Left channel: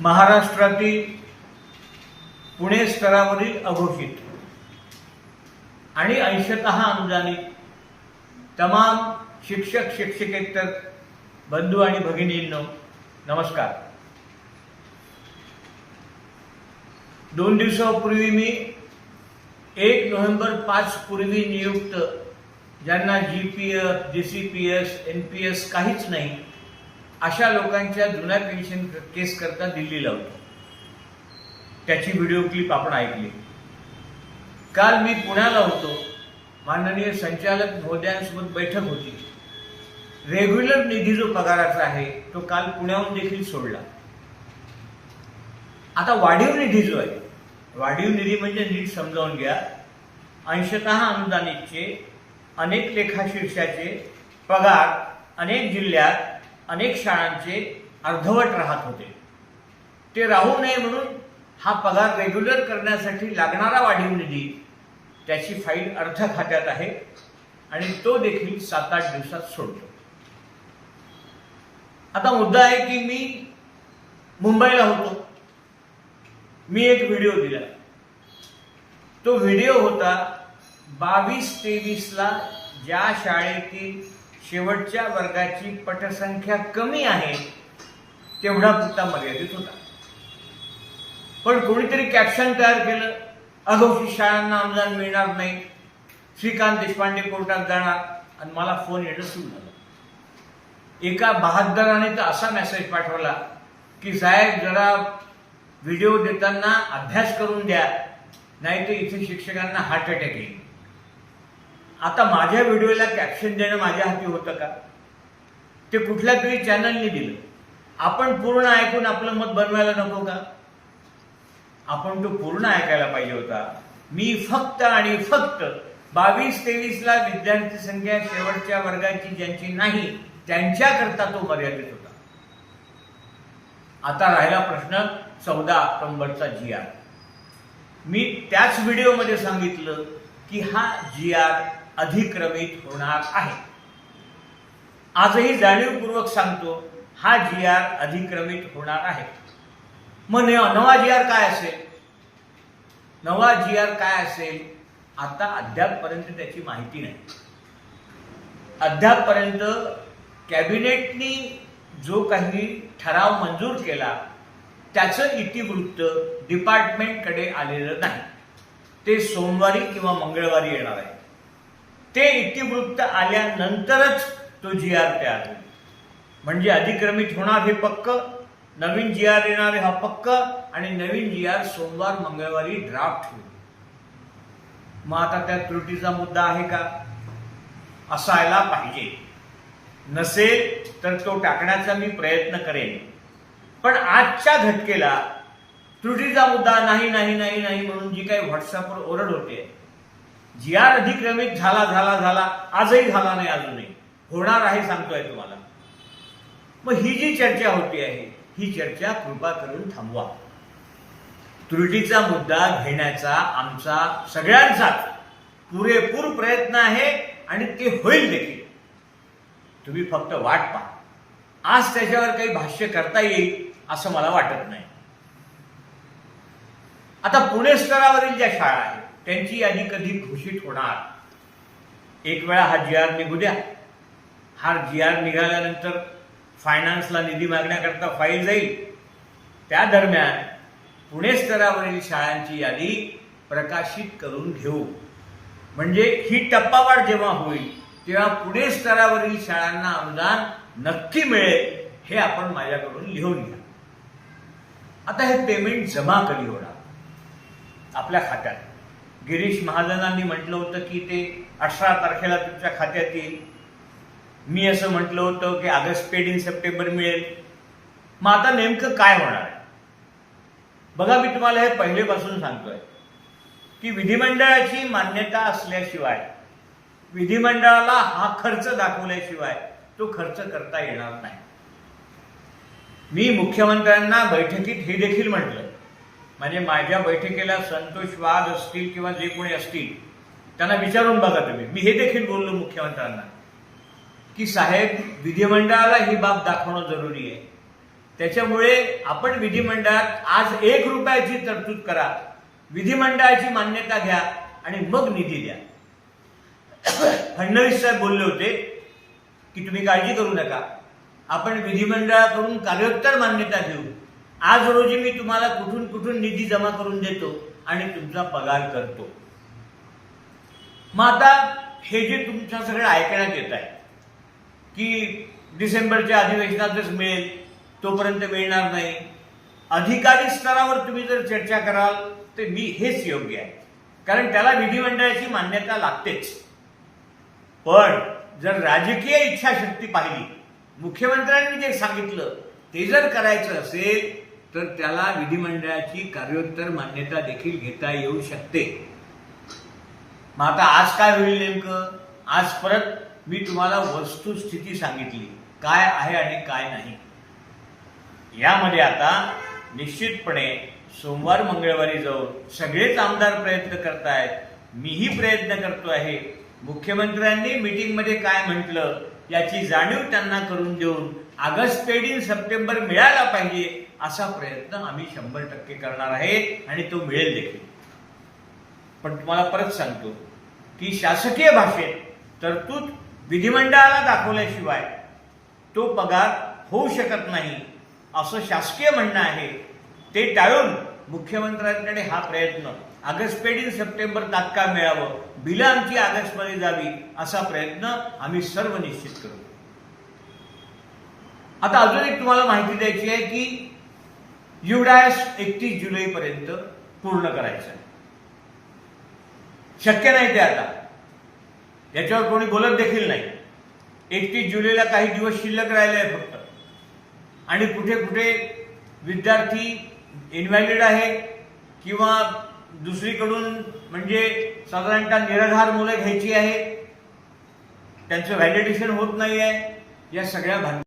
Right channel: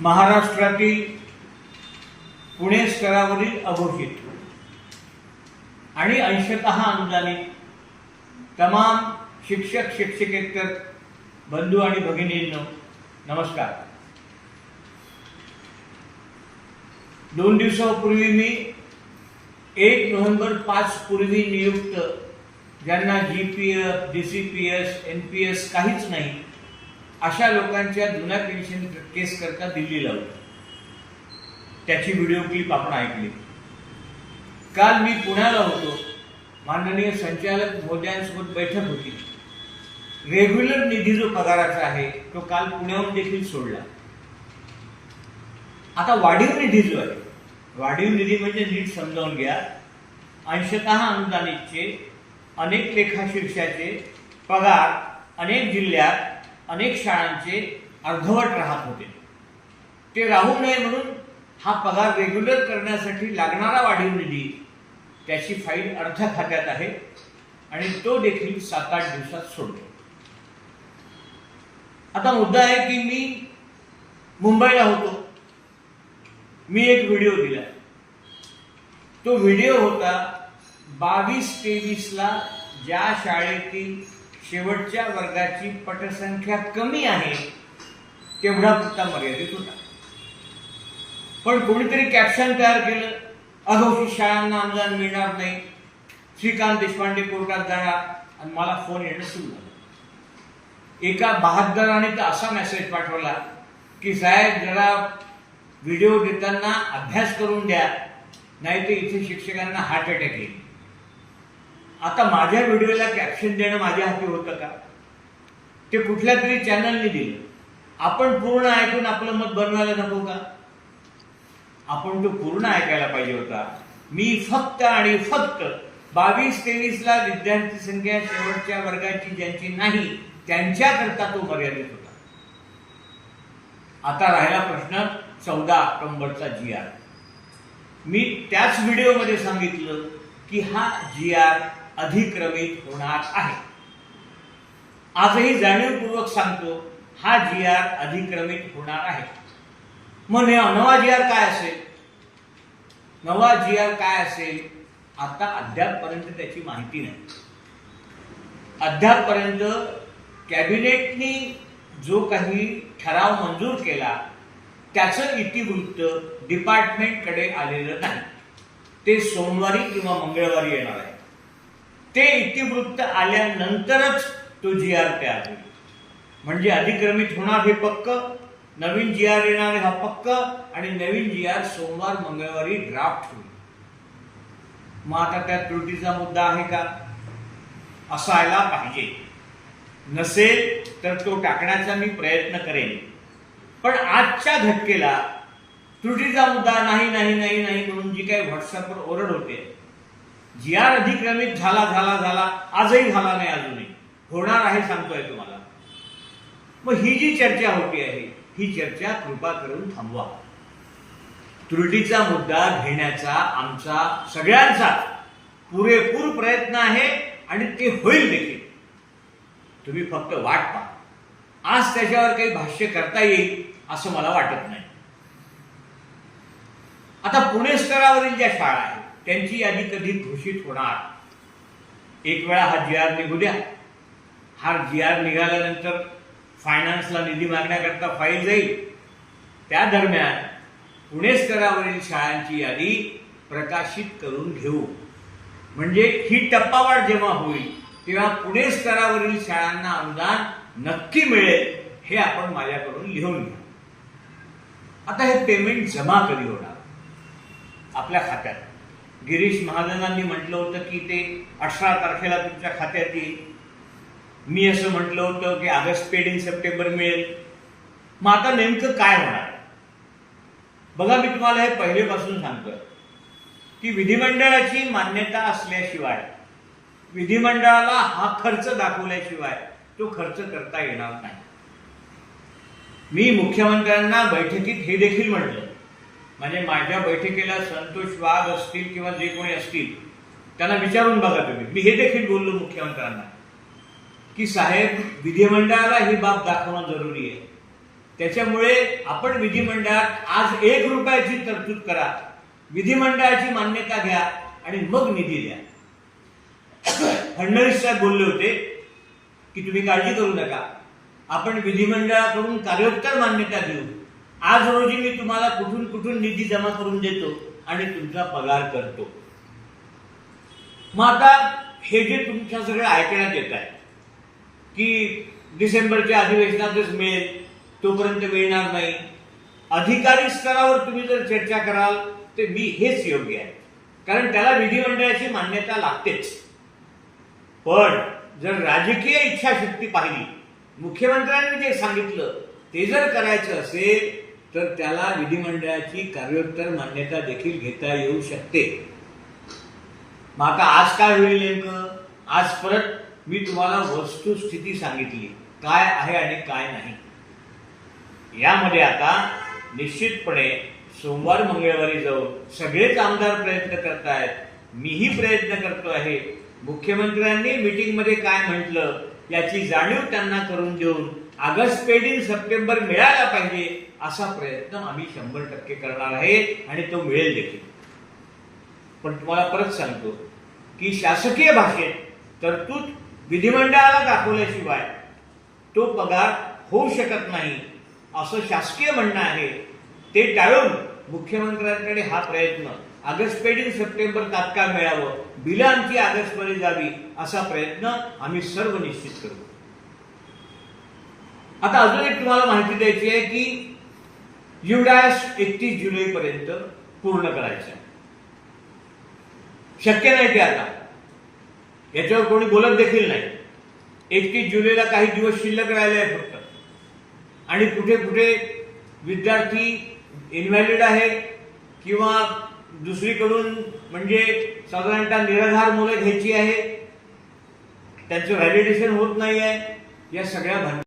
महाराष्ट्रातील पुणे स्तरावरील अघोषित. आणि अंशतः अनुदानित तमाम शिक्षक शिक्षकेतर बंधू आणि भगिनींनो नमस्कार. दोन दिवसापूर्वी मी एक नोव्हेंबर पाच पूर्वी नियुक्त ज्यांना G P F D C P S N P S काहीच नाही अशा लोकांच्या जुन्या पेन्शन केस करता दिल्लीला होतो त्याची व्हिडिओ क्लिप आपण ऐकली. काल मी पुण्याला होतो. माननीय संचालक महोदयांसोबत बैठक होती. रेग्युलर निधी जो पगाराचा आहे तो काल पुण्याहून देखील सोडला. आता वाढीव निधी जो आहे वाढीव निधी म्हणजे नीट समजावून घ्या. अंशतः अनुदानितचे अनेक लेखाशीर्षाचे पगार अनेक जिल्ह्यात अनेक शाळांचे अर्धवट राहत होते. ते राहू नये म्हणून हा पगार रेग्युलर करण्यासाठी लागणारा वाढीव निधी त्याची फाईल अर्थ खात्यात आहे आणि तो देखील सात आठ दिवसात सोडतो. आता मुद्दा आहे की मी मुंबईला होतो. मी एक व्हिडिओ दिला. तो व्हिडिओ होता बावीस तेवीसला ज्या शाळेतील शेवटच्या वर्गाची पटसंख्या कमी आहे तेवढा पुरता मर्यादित होता. पण कोणीतरी कॅप्शन तयार केलं अघोषित शाळांना अनुदान मिळणार नाही. श्रीकांत देशपांडे कोर्टात जाणार आणि मला फोन येणं सुरू झालं. एका बहादराने तर असा मेसेज पाठवला की साहेब जरा व्हिडिओ देताना अभ्यास करून द्या नाही तर इथे शिक्षकांना हार्ट अटॅक येईल. आता माझ्या व्हिडिओला कॅप्शन देणं माझ्या हाती होतं का? ते कुठल्या तरी चॅनलने दिलं. आपण पूर्ण ऐकून आपलं मत बनवायला नको का? आपण तो पूर्ण ऐकायला पाहिजे होता. मी फक्त आणि फक्त बावीस तेवीसला विद्यार्थी संख्या शेवटच्या वर्गाची ज्यांची नाही त्यांच्याकरता तो मर्यादित होता. आता राहिला प्रश्न चौदा ऑक्टोबरचा जी आर मी त्याच व्हिडिओमध्ये सांगितलं की हा जी आर अधिक्रमित होणार आहे. आजही जाणीवपूर्वक सांगतो हा जी आर अधिक्रमित होणार आहे. मग नवा जी आर काय असेल? नवा जी आर काय असेल? आता अद्यापपर्यंत त्याची माहिती नाही. अद्यापपर्यंत कॅबिनेटनी जो काही ठराव मंजूर केला त्याचं इतिवृत्त डिपार्टमेंटकडे आलेलं नाही. ते सोमवारी किंवा मंगळवारी येणार आहे. ते इतिवृत्त आल्यानंतरच तो जी आर तयार होईल म्हणजे अधिक्रमित होणार हे पक्क नवीन जी आर येणार हा पक्क आणि नवीन जी आर सोमवार मंगळवारी ड्राफ्ट होईल. मग आता त्या त्रुटीचा मुद्दा आहे का? असायला पाहिजे. नसेल तर तो टाकण्याचा मी प्रयत्न करेन. पण आजच्या घटकेला त्रुटीचा मुद्दा नाही नाही नाही नाही म्हणून जी काही व्हॉट्सअपवर ओरड होते जी आर अधिक्रमित झाला झाला झाला आजही झाला नाही अजूनही. होणार आहे सांगतोय तुम्हाला. मग ही जी चर्चा होती आहे ही चर्चा कृपा करून थांबवा. त्रुटीचा मुद्दा घेण्याचा आमचा सगळ्यांचा पुरेपूर प्रयत्न आहे आणि ते होईल देखील. तुम्ही फक्त वाट पहा. आज त्याच्यावर काही भाष्य करता येईल असं मला वाटत नाही. आता पुणे स्तरावरील ज्या शाळा आहेत त्यांची यादी कधी घोषित होणार? एक वेळा हा जी आर निघू द्या हा जी आर निघाल्यानंतर फायनान्सला निधी मागण्याकरता फाईल जाईल. त्या दरम्यान पुणे स्तरावरील शाळांची यादी प्रकाशित करून घेऊ. म्हणजे ही टप्पावाढ जेव्हा होईल तेव्हा पुणे स्तरावरील शाळांना अनुदान नक्की मिळेल हे आपण माझ्याकडून लिहून घ्या. आता हे पेमेंट जमा कधी होणार? आपल्या खात्यात. गिरीश महाजनांनी म्हटलं होतं की ते अठरा तारखेला तुमच्या खात्यात येईल. मी असं म्हटलं होतं की ऑगस्ट पेड इन सप्टेंबर मिळेल. मग आता नेमकं काय होणार? बघा मी तुम्हाला हे पहिलेपासून सांगतोय. की विधिमंडळाची मान्यता असल्याशिवाय विधिमंडळाला हा खर्च दाखवल्याशिवाय तो खर्च करता येणार नाही. मी मुख्यमंत्र्यांना बैठकीत हे देखील म्हटलं. म्हणजे माझ्या बैठकीला संतोष वाघ असतील किंवा जे कोणी असतील त्यांना विचारून बघा तुम्ही. मी हे देखील बोललो मुख्यमंत्र्यांना की साहेब विधिमंडळाला ही बाब दाखवणं जरुरी आहे. त्याच्यामुळे आपण विधिमंडळात आज एक रुपयाची तरतूद करा विधिमंडळाची मान्यता घ्या आणि मग निधी द्या. फडणवीस साहेब बोलले होते की तुम्ही काळजी करू नका. आपण विधिमंडळाकडून कार्योत्तर मान्यता घेऊ. आज रोजी मी तुम्हाला कुठून कुठून निधी जमा करून देतो आणि तुमचा पगार करतो. मग आता हे जे तुमच्या सगळं ऐकण्यात येत आहे की डिसेंबरच्या अधिवेशनातच मिळेल तोपर्यंत मिळणार नाही. अधिकारी स्तरावर तुम्ही जर चर्चा कराल तर मी हेच योग्य आहे. कारण त्याला विधिमंडळाची मान्यता लागतेच. पण जर राजकीय इच्छाशक्ती पाहिली मुख्यमंत्र्यांनी जे सांगितलं ते जर करायचं असेल तर त्याला विधिमंडळाची कार्योत्तर मान्यता देखील घेता येऊ शकते. मग आता आज काय होईल नेमकं? आज परत मी तुम्हाला वस्तुस्थिती सांगितली. काय आहे आणि काय नाही. यामध्ये आता निश्चितपणे सोमवार मंगळवारी जाऊन सगळेच आमदार प्रयत्न करतायत. मीही प्रयत्न करतो आहे. मुख्यमंत्र्यांनी मीटिंगमध्ये काय म्हटलं याची जाणीव त्यांना करून देऊन ऑगस्ट पेडील सप्टेंबर मिळायला पाहिजे. असा प्रयत्न आम्ही शंभर टक्के करणार आहे आणि तो मिळेल देखील. पण तुम्हाला परत सांगतो की शासकीय भाषेत तरतूद विधिमंडळाला दाखवल्याशिवाय तो पगार होऊ शकत नाही असं शासकीय म्हणणं आहे. ते टाळून मुख्यमंत्र्यांकडे हा प्रयत्न ऑगस्ट पेडील सप्टेंबर तात्काळ मिळावं बिलं आमची ऑगस्टमध्ये जावी असा प्रयत्न आम्ही सर्व निश्चित करू. आता अजून एक तुम्हाला माहिती द्यायची आहे की युडायस एकतीस जुलैपर्यंत पूर्ण करायचं. आहे शक्य नाही ते आता. याच्यावर कोणी बोलत देखील नाही. एकतीस जुलैला काही दिवस शिल्लक राहिले आहे फक्त. आणि कुठे कुठे विद्यार्थी इन्व्हॅलिड आहे किंवा दुसरीकडून म्हणजे साधारणतः निराधार मुलं घ्यायची आहे त्यांचं व्हॅलिडेशन होत नाही आहे या सगळ्या भान